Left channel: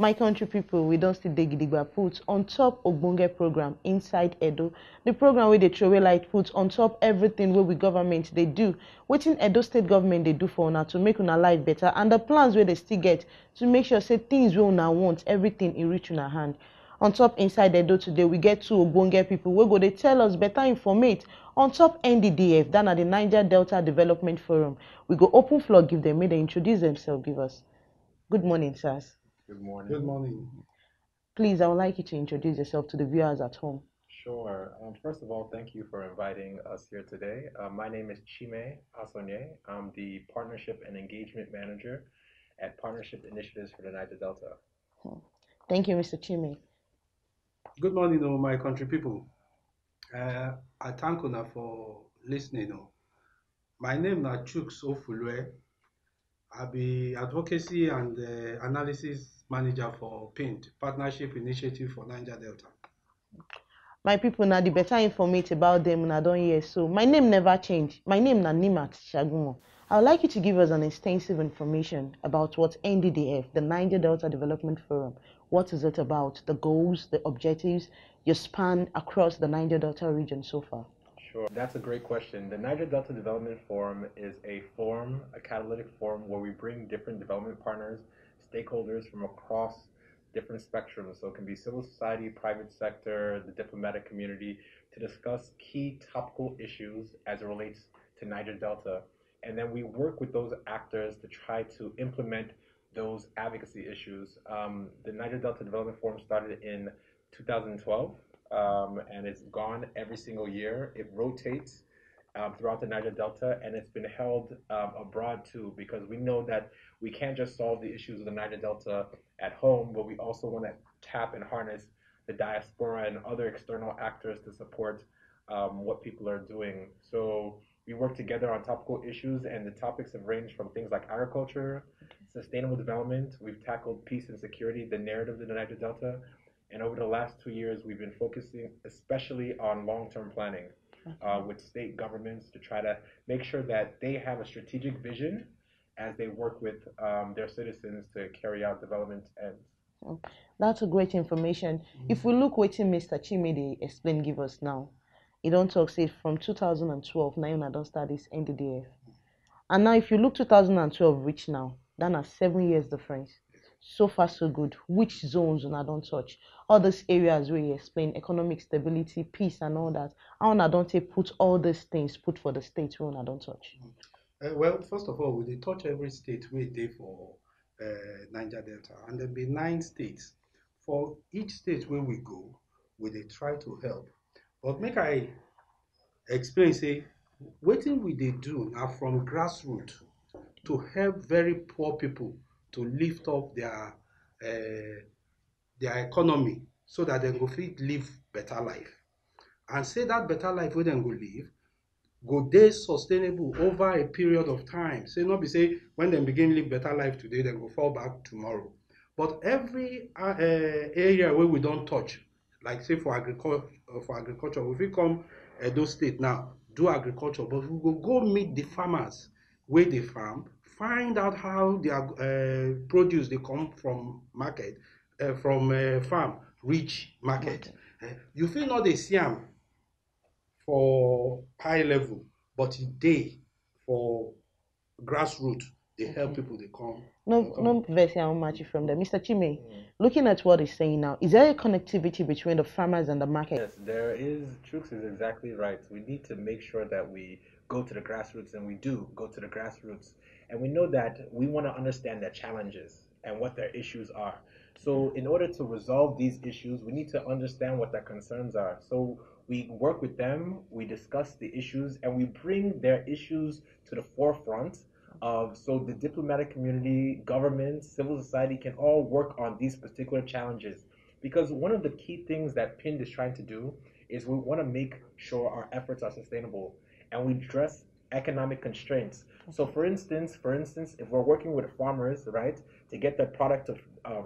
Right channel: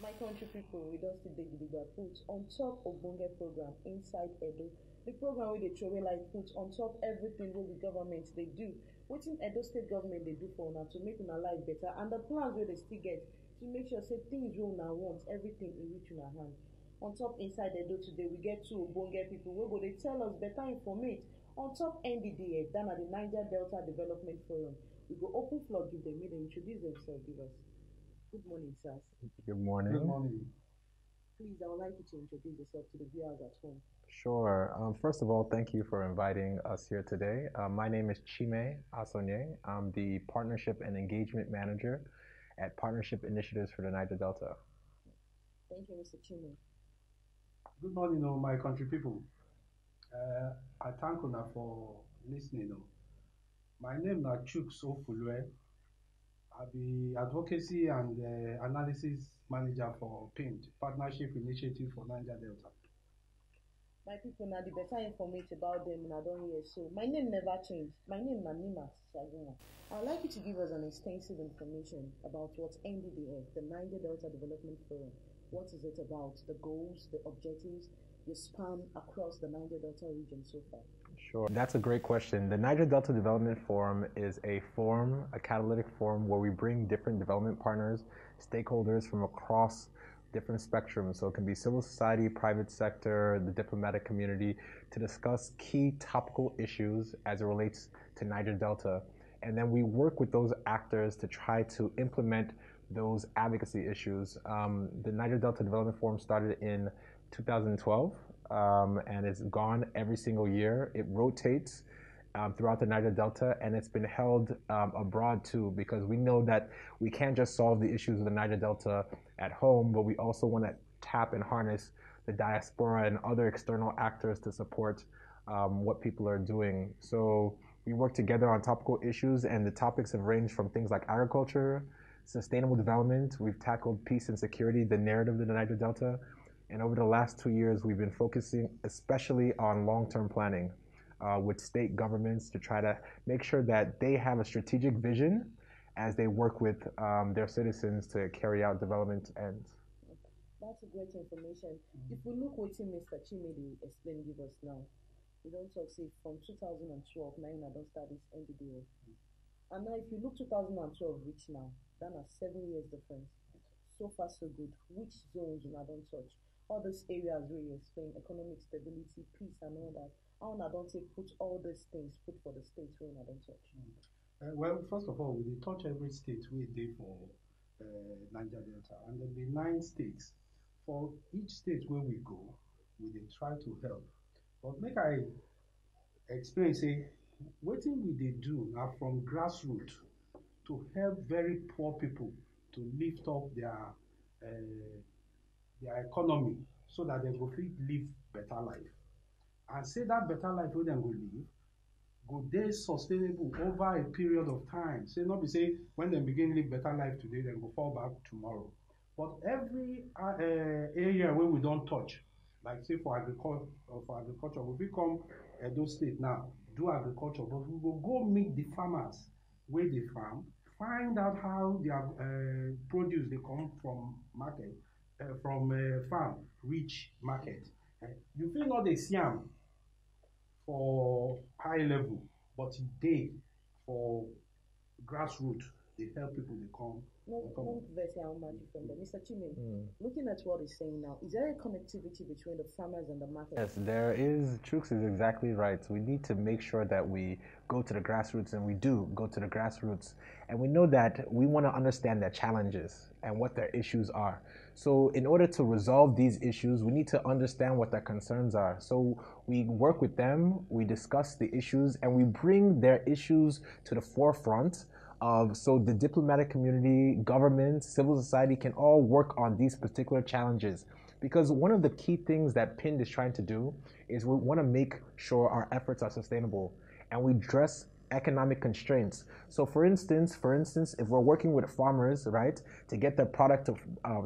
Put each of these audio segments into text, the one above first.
My country people, we don't still dig digba put on top Ogbonge program inside Edo. The program where they throw away light put on top everything where we government they do. Waiting Edo state government they do for una to make una life better, and the plans where they still get to make sure say things we una want, everything in reach una hand. On top inside Edo today, we get two Ogbonge people wey go they tell us better informate on top NDDF, that at the Niger Delta Development Forum. We go open floor, give them, may they introduce themselves, give us. Good morning, sirs. Good morning. Good morning. Please, I would like you to introduce yourself to the viewers at home. Sure. First of all, thank you for inviting us here today. My name is Chime Asonye. I'm the Partnership and Engagement Manager at Partnership Initiatives for the Niger Delta. Thank you, Mr. Chime. Good morning, my country people. I thank you for listening. My name is Chuks Ofulwe. I be Advocacy and Analysis Manager for PINT, Partnership Initiative for Niger Delta. My people, now the better informate about them, and I don't hear so. My name never changed. My name is Nimat Shagumo. I would like you to give us an extensive information about what NDDF, the Niger Delta Development Forum, what is it about, the goals, the objectives, your span across the Niger Delta region so far. Sure, that's a great question. The Niger Delta Development Forum is a forum, a catalytic forum where we bring different development partners, stakeholders from across different spectrums. So it can be civil society, private sector, the diplomatic community, to discuss key topical issues as it relates to Niger Delta. And then we work with those actors to try to implement those advocacy issues. The Niger Delta Development Forum started in 2012, and it's gone every single year. It rotates throughout the Niger Delta, and it's been held abroad too, because we know that we can't just solve the issues of the Niger Delta at home, but we also want to tap and harness the diaspora and other external actors to support what people are doing. So we work together on topical issues, and the topics have ranged from things like agriculture, sustainable development. We've tackled peace and security, the narrative of the Niger Delta. And over the last 2 years, we've been focusing especially on long-term planning with state governments to try to make sure that they have a strategic vision as they work with their citizens to carry out development ends. That's a great information. If we look what Mr. Chimede explain give us now, he don't talk say from 2012, now I don't start this NDDF. And now if you look 2012 reach now, that is 7 years difference. So far so good. Which zones I don't touch? All those areas where you explain economic stability, peace and all that. How I don't say put all these things put for the states where I don't touch. Well, first of all, we touch every state we did for Niger Delta, and there be 9 states. For each state where we go, we they try to help. But make I explain, say, what we they do now from grassroots to help very poor people to lift up their economy so that they go fit live better life. And say that better life where they go live, go dey sustainable over a period of time. Say not be say when they begin live better life today, they go fall back tomorrow. But every area where we don't touch, like say for agriculture, if we come Edo State now, do agriculture, but we will go meet the farmers where they farm, find out how their produce they come from market, from farm reach market. You feel not they see them for high level, but today for grassroots, they help people they come. No verse how much from there. Mr. Chime, looking at what he's saying now, is there a connectivity between the farmers and the market? Yes, there is. Trux is exactly right. We need to make sure that we go to the grassroots, and we do go to the grassroots. And we know that we want to understand their challenges and what their issues are. So in order to resolve these issues, we need to understand what their concerns are. So we work with them, we discuss the issues, and we bring their issues to the forefront so the diplomatic community, government, civil society can all work on these particular challenges. Because one of the key things that PIND is trying to do is we want to make sure our efforts are sustainable, and we address economic constraints. So for instance, if we're working with farmers, right, to get their product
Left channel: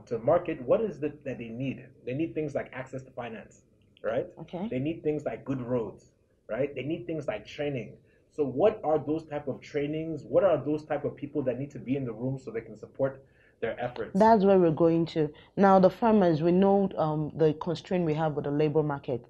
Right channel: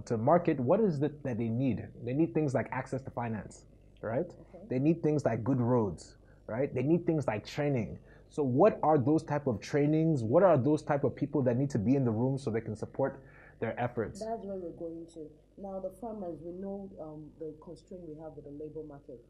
to market, what is it that they need? They need things like access to finance, right? Okay. They need things like good roads, right? They need things like training. So what are those type of trainings? What are those type of people that need to be in the room so they can support their efforts. That's where we're going to. Now, the farmers, we know the constraint we have with the labor market.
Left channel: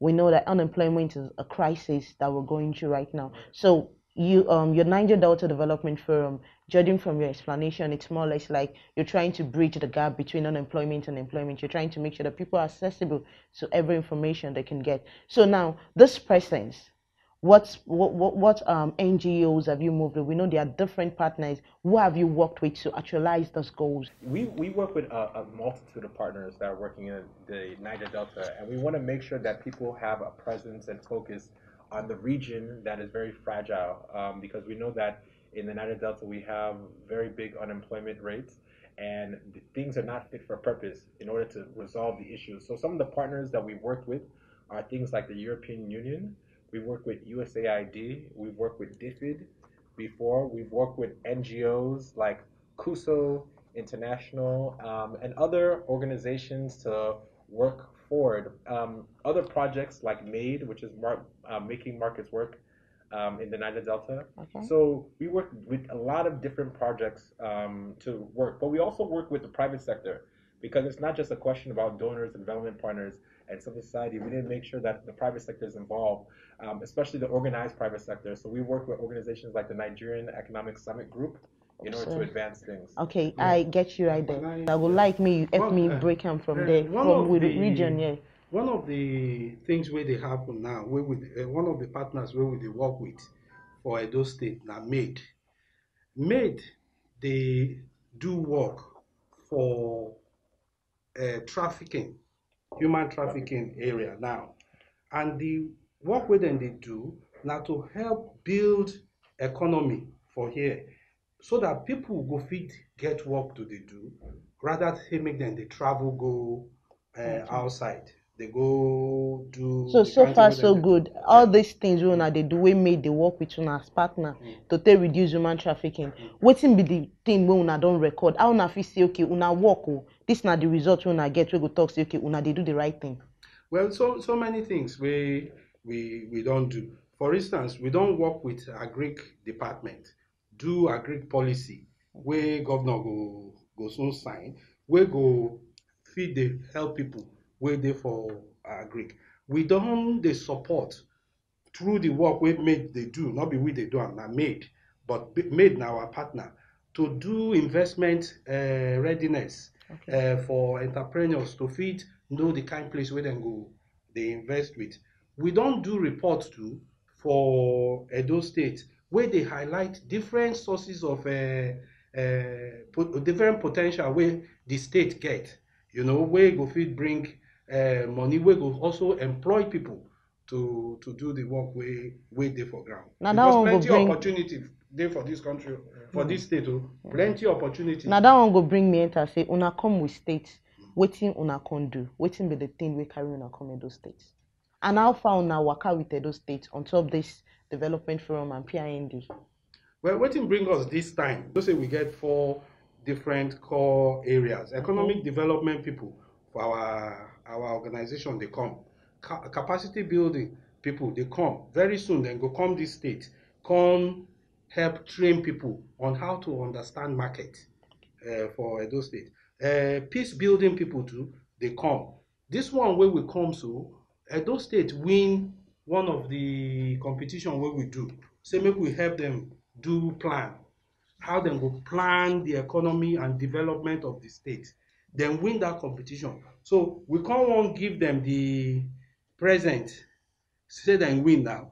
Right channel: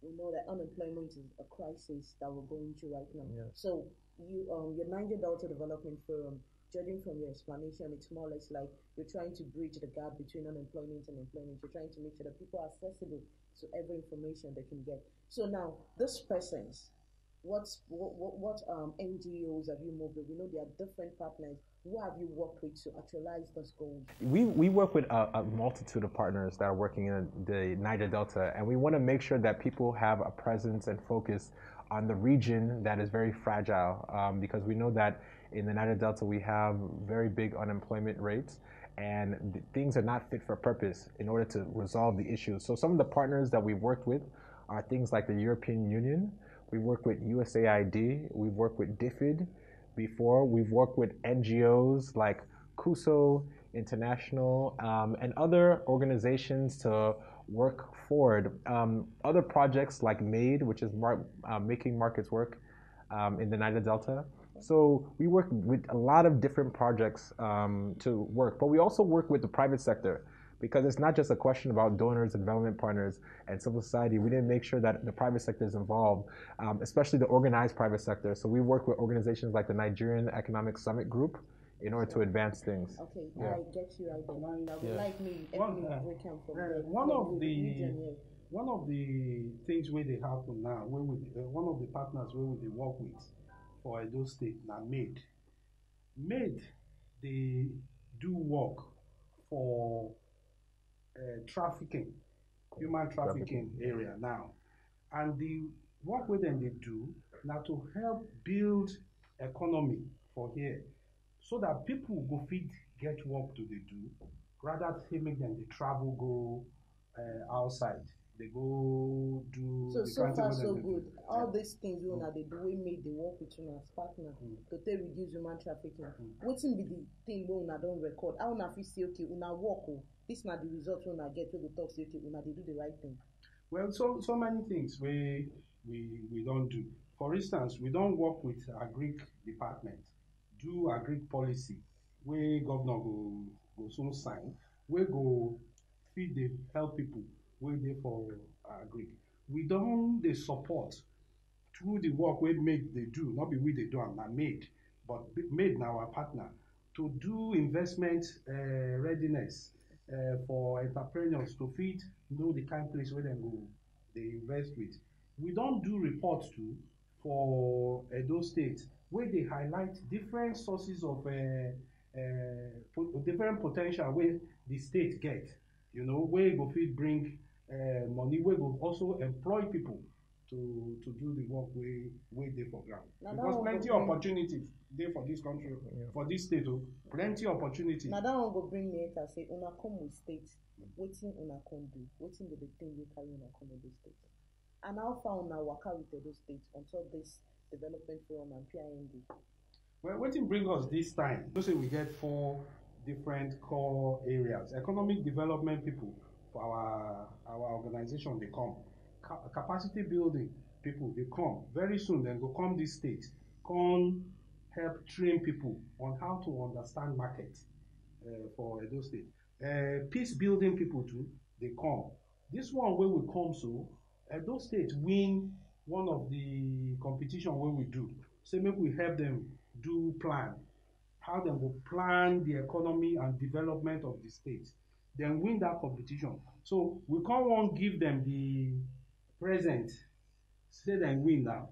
We know that unemployment is a crisis that we're going through right now. So your Niger Delta Development Forum, judging from your explanation, it's more or less like you're trying to bridge the gap between unemployment and employment. You're trying to make sure that people are accessible to every information they can get. So now, this presence, what NGOs have you moved with? We know there are different partners. Who have you worked with to actualize those goals? We work with a multitude of partners that are working in the Niger Delta, and we want to make sure that people have a presence and focus on the region that is very fragile, because we know that in the Niger Delta we have very big unemployment rates, and things are not fit for purpose in order to resolve the issues. So some of the partners that we've worked with are things like the European Union. We've worked with USAID. We've worked with DFID before. We've worked with NGOs like CUSO International, and other organizations to work forward. Other projects like MADE, which is making markets work in the Niger Delta. Okay. So we work with a lot of different projects to work, but we also work with the private sector, because it's not just a question about donors and development partners and civil society. We need to make sure that the private sector is involved, especially the organized private sector. So we work with organizations like the Nigerian Economic Summit Group in order to advance things. Okay, yeah. I get you right there. I would like me, help me break them from there, from with the region, yeah. One of the things where they happen now, where one of the partners where we work with for Edo State now, MADE, they do work for trafficking, human trafficking area now, and the work with them they do now to help build economy for here, so that people go fit get work to they do, rather than make them they travel go outside. They go do. So far so good. All these things we they do, we made the work with una as partner to reduce human trafficking. Waiting be the thing we una don't record. How una feel say okay, una work this not the result we una get. We go talk say okay, una they do the right thing. Well, so many things we don't do. For instance, we don't work with agric department, do agric policy where governor go soon sign, we go feed the help people where they for agric. We don't the support through the work we made they do, not be we they do and not made, but made now our partner to do investment readiness for entrepreneurs to feed know the kind of place where they go they invest with. We don't do reports too for Edo State where they highlight different sources of different potential where the state get, you know, where go feed bring money, where go also employ people to do the work where they for ground. Now because plenty of opportunity there for this country, for this state, plenty opportunity. Now that one go bring me enter say una come with states, waiting una can do, waiting be the thing we carry una come Edo States. And how far una waka with Edo States on top this development forum and PIND? Well, what bring us this time? Let's say we get 4 different core areas. Economic development people for our organization, they come. Capacity building people, they come. Very soon, then go come this state, come help train people on how to understand market for Edo State. Peace building people too, they come. This one where we come, so Edo State win one of the competition where we do. Say make we help them do plan, how them go plan the economy and development of the state, then win that competition. So we can't want give them the present, say them win now.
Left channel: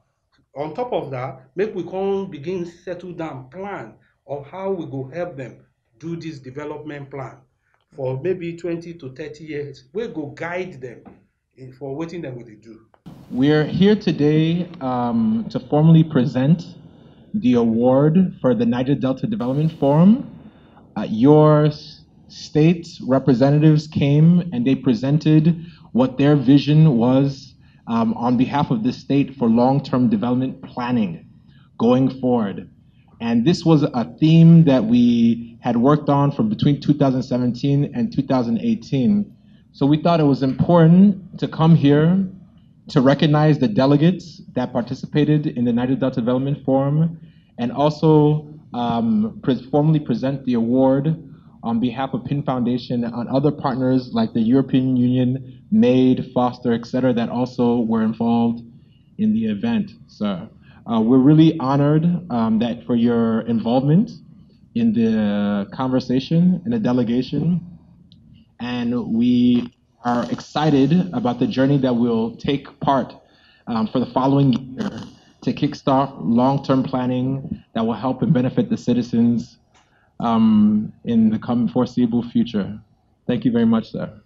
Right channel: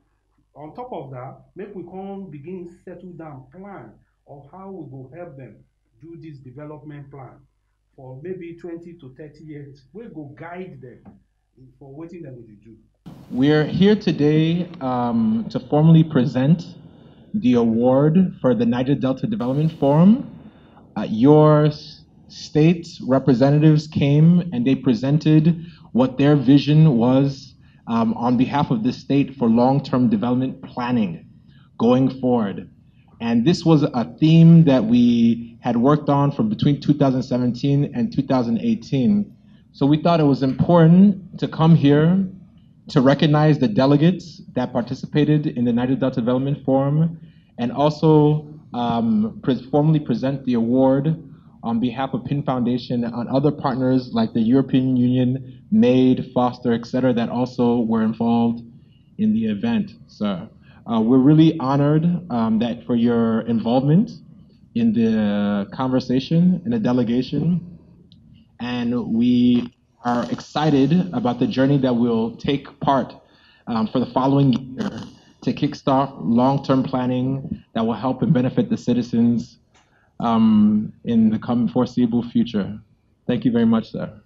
On top of that, make we can begin settle down plan of how we go help them do this development plan for maybe 20 to 30 years. We go guide them for what them will do. We're here today to formally present the award for the Niger Delta Development Forum. Your state's representatives came and they presented what their vision was on behalf of the state for long-term development planning going forward. And this was a theme that we had worked on from between 2017 and 2018. So we thought it was important to come here to recognize the delegates that participated in the Niger Delta Development Forum and also formally present the award on behalf of PIN Foundation and other partners like the European Union, MAID, Foster, etc., that also were involved in the event, sir. We're really honored that for your involvement in the conversation and the delegation, and we are excited about the journey that will take part for the following year to kickstart long-term planning that will help and benefit the citizens in the coming foreseeable future. Thank you very much, sir.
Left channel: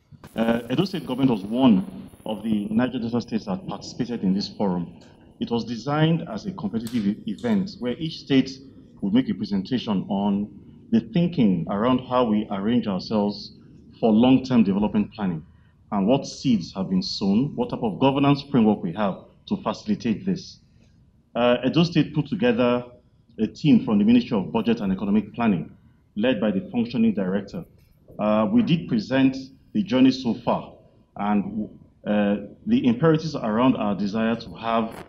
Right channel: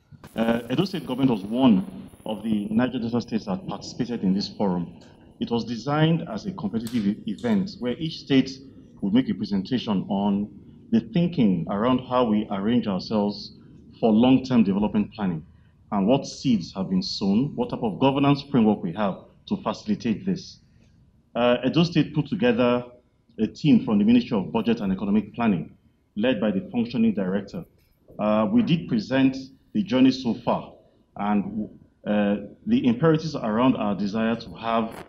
Edo State government was one of the Niger Delta states that participated in this forum. It was designed as a competitive event where each state would make a presentation on the thinking around how we arrange ourselves for long-term development planning and what seeds have been sown, what type of governance framework we have to facilitate this. Edo State put together a team from the Ministry of Budget and Economic Planning, led by the functioning director. We did present the journey so far and the imperatives around our desire to have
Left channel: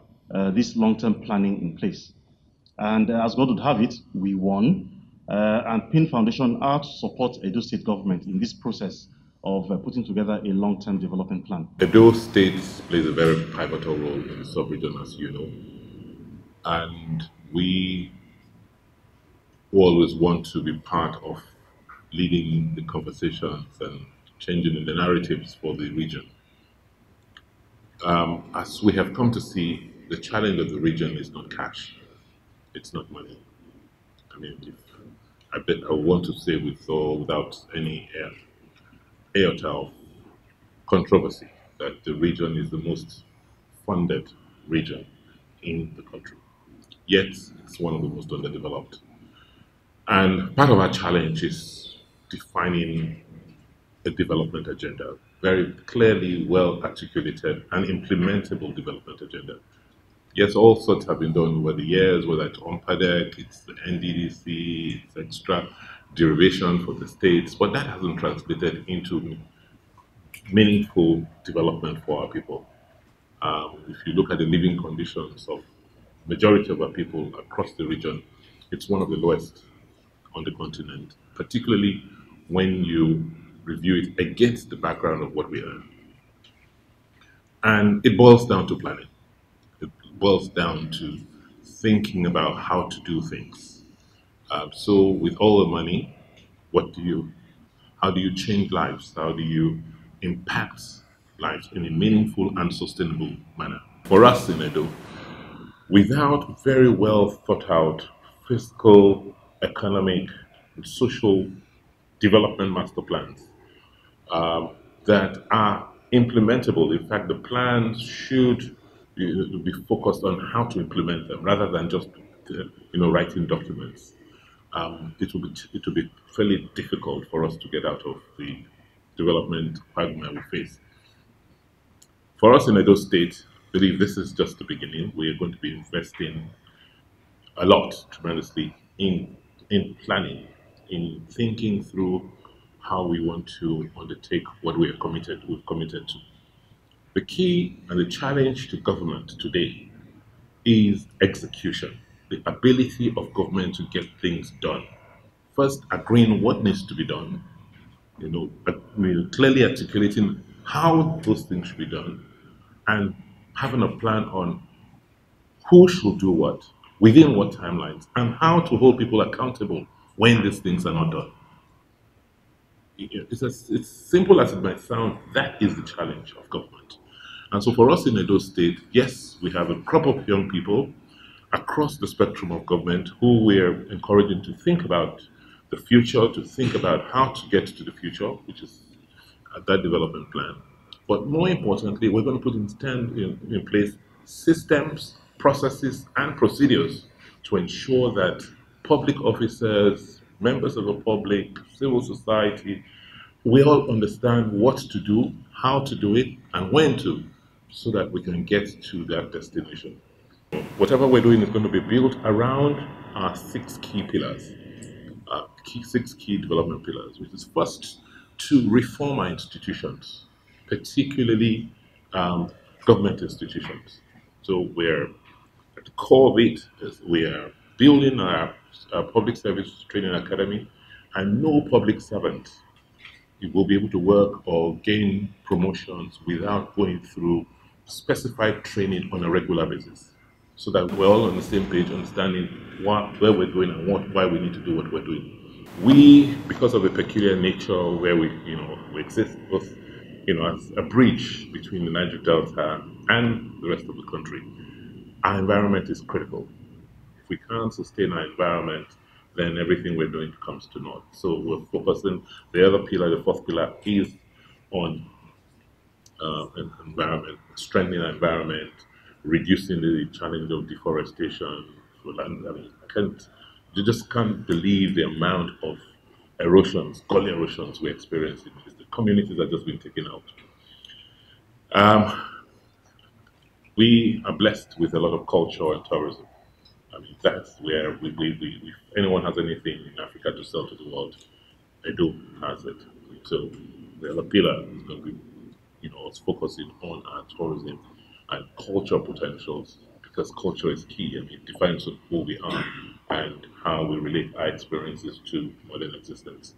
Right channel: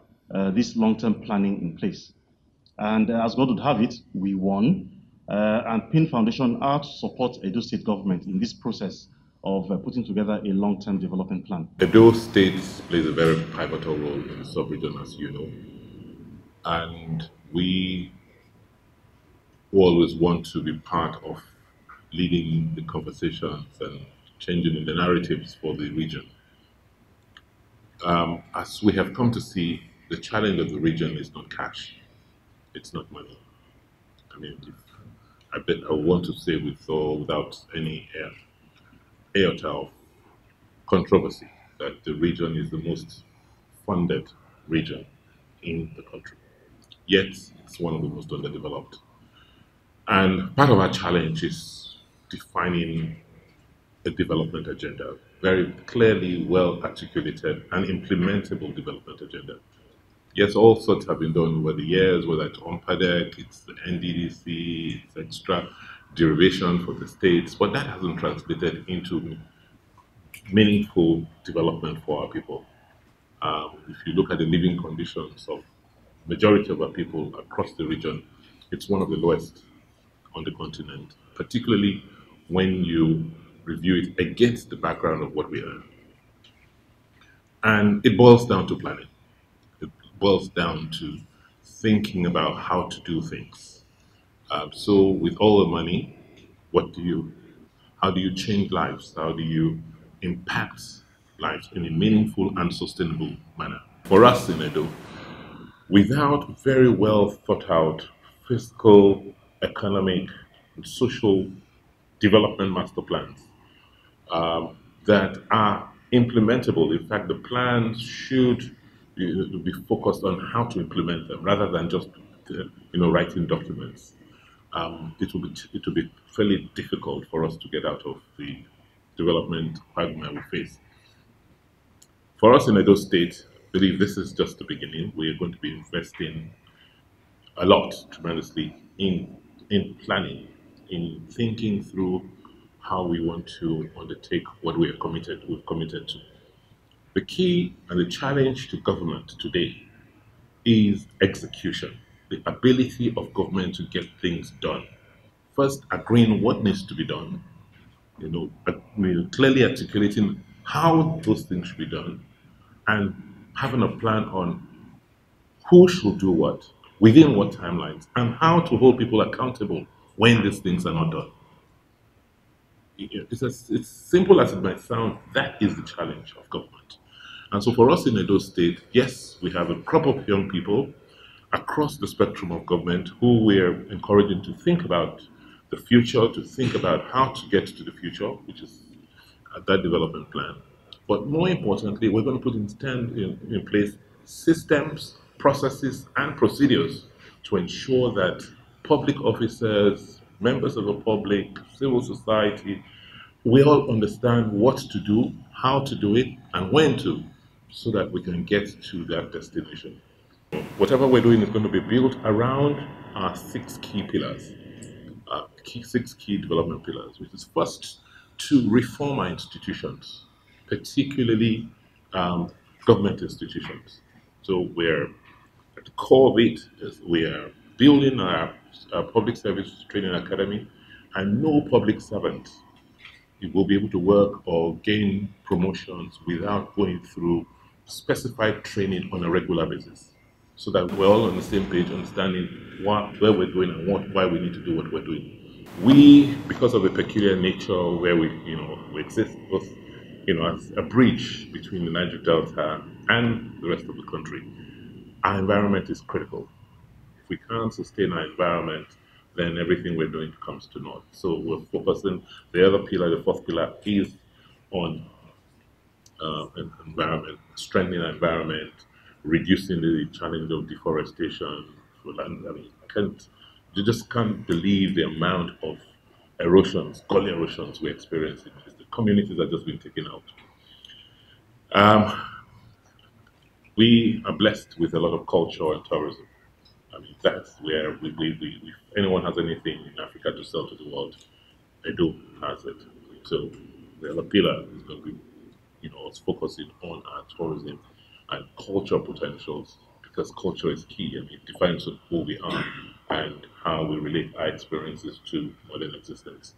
this long-term planning in place. And as God would have it, we won. And PIN Foundation are to support Edo State government in this process of putting together a long-term development plan. Edo State plays a very pivotal role in the sub-region, as you know. And we always want to be part of leading the conversations and changing the narratives for the region. As we have come to see, the challenge of the region is not cash, it's not money. I mean, I want to say without any iota of controversy that the region is the most funded region in the country. Yet, it's one of the most underdeveloped. And part of our challenge is defining a development agenda, very clearly well articulated and implementable development agenda. Yes, all sorts have been done over the years, whether it's OMPADEC, it's the NDDF, it's extra derivation for the states, but that hasn't translated into meaningful development for our people. If you look at the living conditions of majority of our people across the region, it's one of the lowest on the continent, particularly when you review it against the background of what we earn. And it boils down to planning. It boils down to thinking about how to do things. So with all the money, how do you change lives? How do you impact lives in a meaningful and sustainable manner? For us in Edo, without very well thought out fiscal, economic, and social development master plans that are implementable. In fact, the plans should be focused on how to implement them rather than just writing documents. It will be fairly difficult for us to get out of the development quagmire we face. For us in Edo State, I believe this is just the beginning. We are going to be investing a lot, tremendously, in planning, in thinking through how we want to undertake what we've committed to. The key and the challenge to government today is execution, the ability of government to get things done. First, agreeing what needs to be done, clearly articulating how those things should be done, and having a plan on who should do what, within what timelines, and how to hold people accountable when these things are not done. It's simple as it might sound, that is the challenge of government. And so for us in Edo State, yes, we have a crop of young people across the spectrum of government who we're encouraging to think about the future, to think about how to get to the future, which is that development plan. But more importantly, we're going to put in place systems, processes, and procedures to ensure that public officers, members of the public, civil society, we all understand what to do, how to do it, and when to, so that we can get to that destination. Whatever we're doing is going to be built around our 6 key pillars, 6 key development pillars, which is first to reform our institutions, particularly government institutions. So we're at the core of it is we are building our public service training academy, and no public servant will be able to work or gain promotions without going through specified training on a regular basis, so that we're all on the same page, understanding where we're going and why we need to do what we're doing. We, because of the peculiar nature where we exist both, as a bridge between the Niger Delta and the rest of the country, our environment is critical. If we can't sustain our environment, then everything we're doing comes to naught. So we're focusing, the other pillar, the fourth pillar, is on environment, strengthening our environment, reducing the challenge of deforestation for land. I mean, you just can't believe the amount of erosions, gully erosions we're experiencing. The communities are just being taken out. We are blessed with a lot of culture and tourism. I mean, that's where if anyone has anything in Africa to sell to the world, Edo has it. So the other pillar is going to be, us focusing on our tourism and cultural potentials, because culture is key. I mean, it defines who we are and how we relate our experiences to modern existence.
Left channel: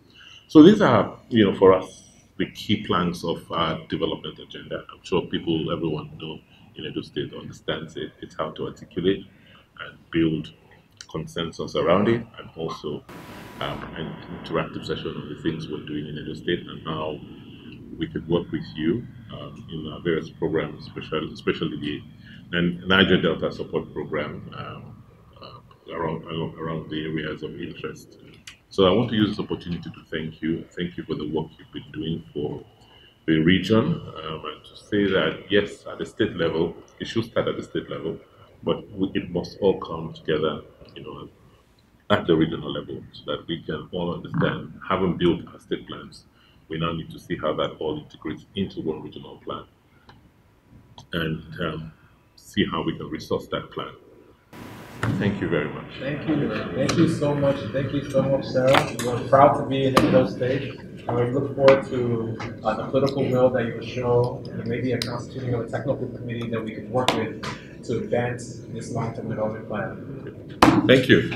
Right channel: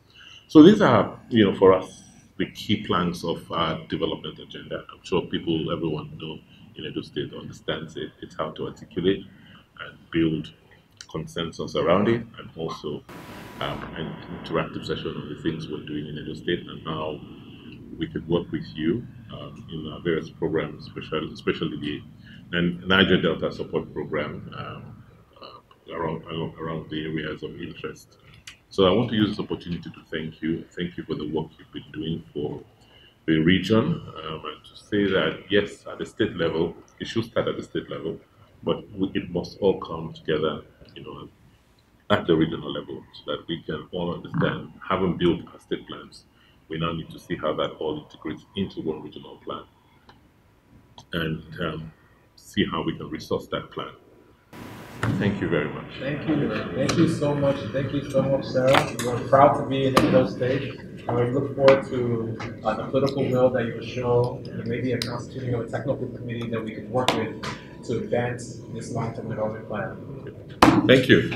So these are, for us, the key planks of our development agenda. I'm sure everyone in Edo State understands it. It's how to articulate and build consensus around it, and also an interactive session on the things we're doing in Edo State and how we could work with you in our various programs, especially the Niger Delta Support Program around the areas of interest. So I want to use this opportunity to thank you. Thank you for the work you've been doing for the region, and to say that, yes, at the state level, it should start at the state level, but it must all come together, at the regional level, so that we can all understand, having built our state plans, we now need to see how that all integrates into one regional plan, and see how we can resource that plan. Thank you very much. Thank you. Thank you so much. Thank you so much, Sarah. We're proud to be in Edo State, and we look forward to the political will that you will show, and maybe a constituting of a technical committee that we can work with to advance this long-term development plan. Thank you.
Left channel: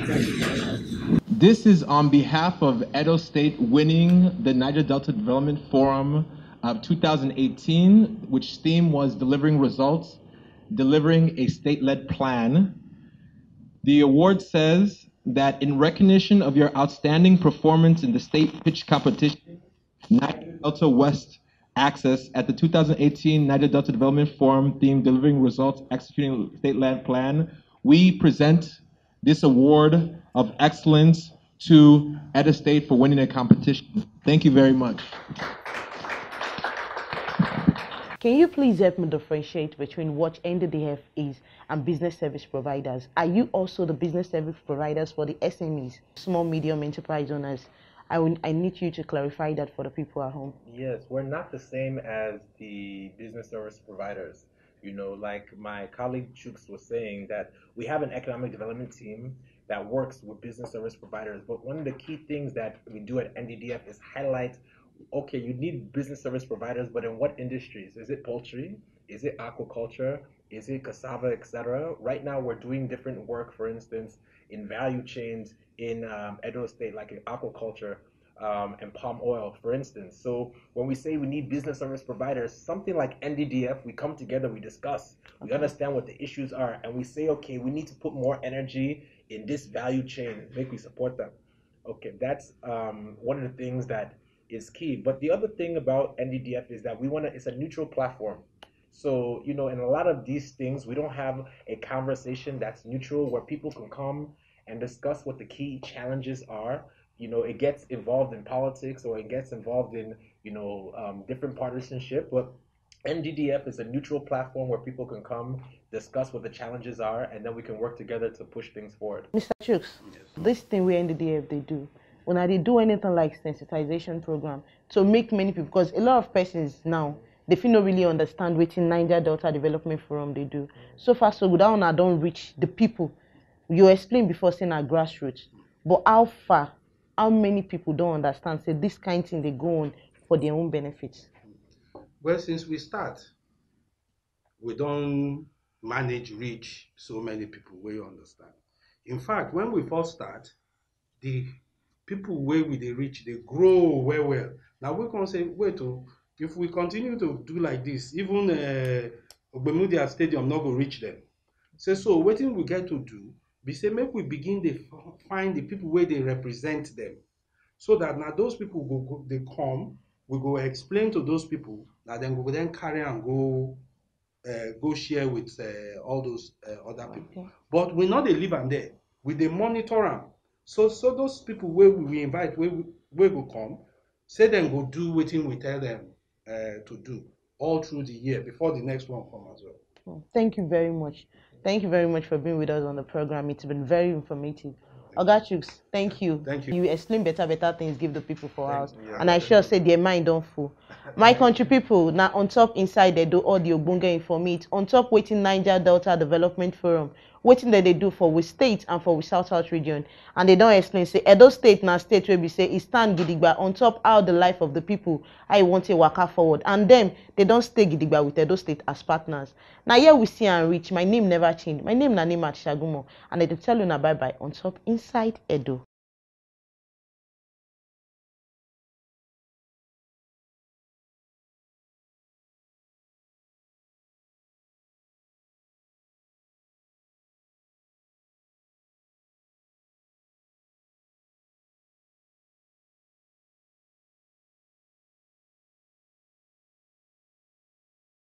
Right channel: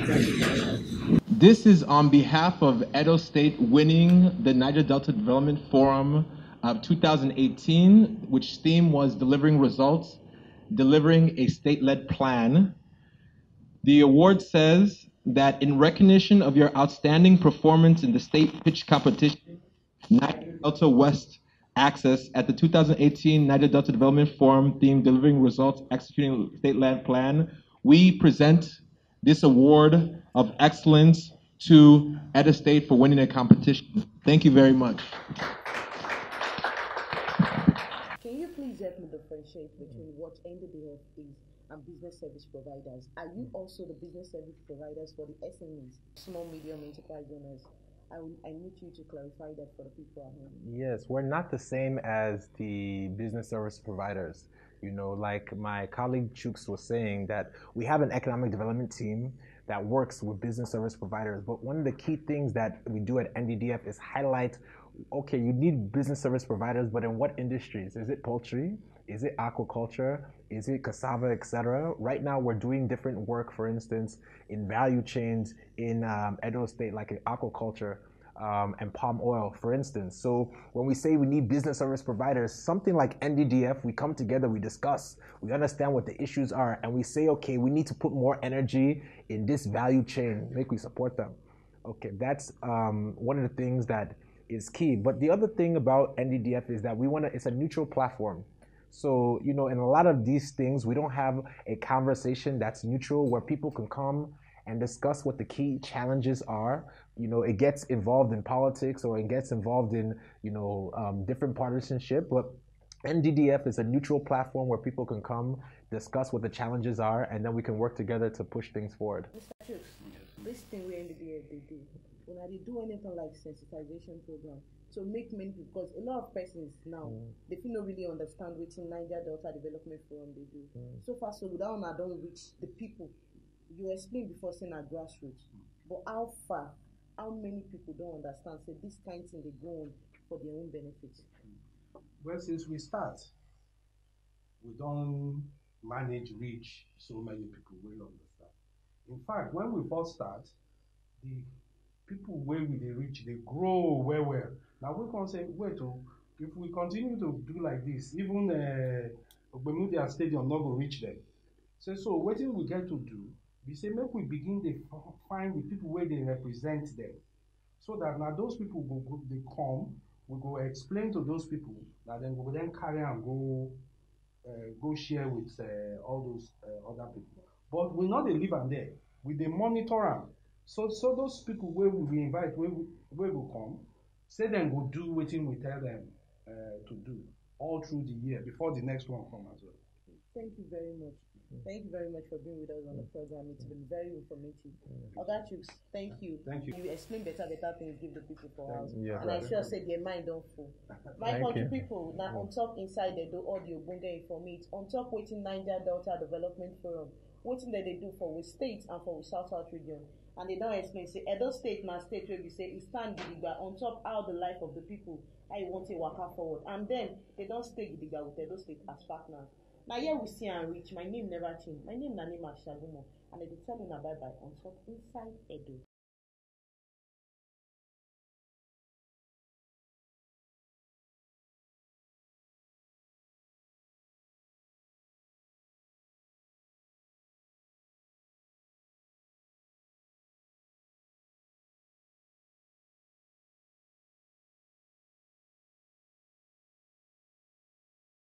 This is on behalf of Edo State winning the Niger Delta Development Forum of 2018, which theme was delivering results, delivering a state-led plan. The award says that in recognition of your outstanding performance in the state pitch competition, Niger Delta West Access at the 2018 Niger Delta Development Forum theme delivering results, executing state-led plan, we present this award of excellence to Edo State for winning a competition. Thank you very much. Can you please help me differentiate between what NDDF is and business service providers? Are you also the business service providers for the SMEs, small, medium enterprise owners? I need you to clarify that for the people at home. Yes, we're not the same as the business service providers. Like my colleague Chooks was saying, that we have an economic development team that works with business service providers. But one of the key things that we do at NDDF is highlight, okay, you need business service providers, but in what industries? Is it poultry? Is it aquaculture? Is it cassava, etc.? Right now, we're doing different work, for instance, in value chains in Edo State, like in aquaculture and palm oil, for instance. So when we say we need business service providers, something like NDDF, we come together, we discuss, we understand what the issues are, and we say, okay, we need to put more energy in this value chain, make we support them. Okay, that's one of the things that is key. But the other thing about NDDF is that it's a neutral platform. So, in a lot of these things, we don't have a conversation that's neutral where people can come and discuss what the key challenges are. It gets involved in politics, or it gets involved in, different partisanship. But NDDF is a neutral platform where people can come, discuss what the challenges are, and then we can work together to push things forward. Mr. Chooks, this thing where NDDF they do, when they do anything like sensitization program to make many people, because a lot of persons now, they feel not really understand what in Niger Delta Development Forum they do. So far, so good, I don't reach the people. You explained before saying our grassroots, but how many people don't understand, say this kind of thing they go on for their own benefits? Well, since we start, we don't manage reach so many people where you understand. In fact, when we first start, the people where we they reach, they grow well. Now we can say, wait, oh, if we continue to do like this, even Ogbemudia Stadium not go reach them. So wetin we get to do, be say make we begin to find the people where they represent them, so that now those people they come, we go explain to those people, that then we go then carry and go share with all those other people. Okay. But we not dey leave am there, we dey monitor am. So those people where we invite, where go come, say them go do wetin we tell them to do all through the year before the next one come as well. Well, thank you very much. Thank you very much for being with us on the program. It's been very informative. Ogachuks, thank you. Thank you. You explain better things, give the people for us. Yeah. And I sure say their mind don't full. My country people, now on top inside they do all the Ogbonge informate, on top waiting Niger Delta Development Forum, waiting that they do for we state and for we South region. And they don't explain, say Edo State now state where we say it stand gidigba on top how the life of the people, I want to waka forward. And them, they don't stay gidigba with Edo State as partners. Now here we see and reach. My name never changed. My name na name at Shagumo. And I tell you now bye bye on top inside Edo.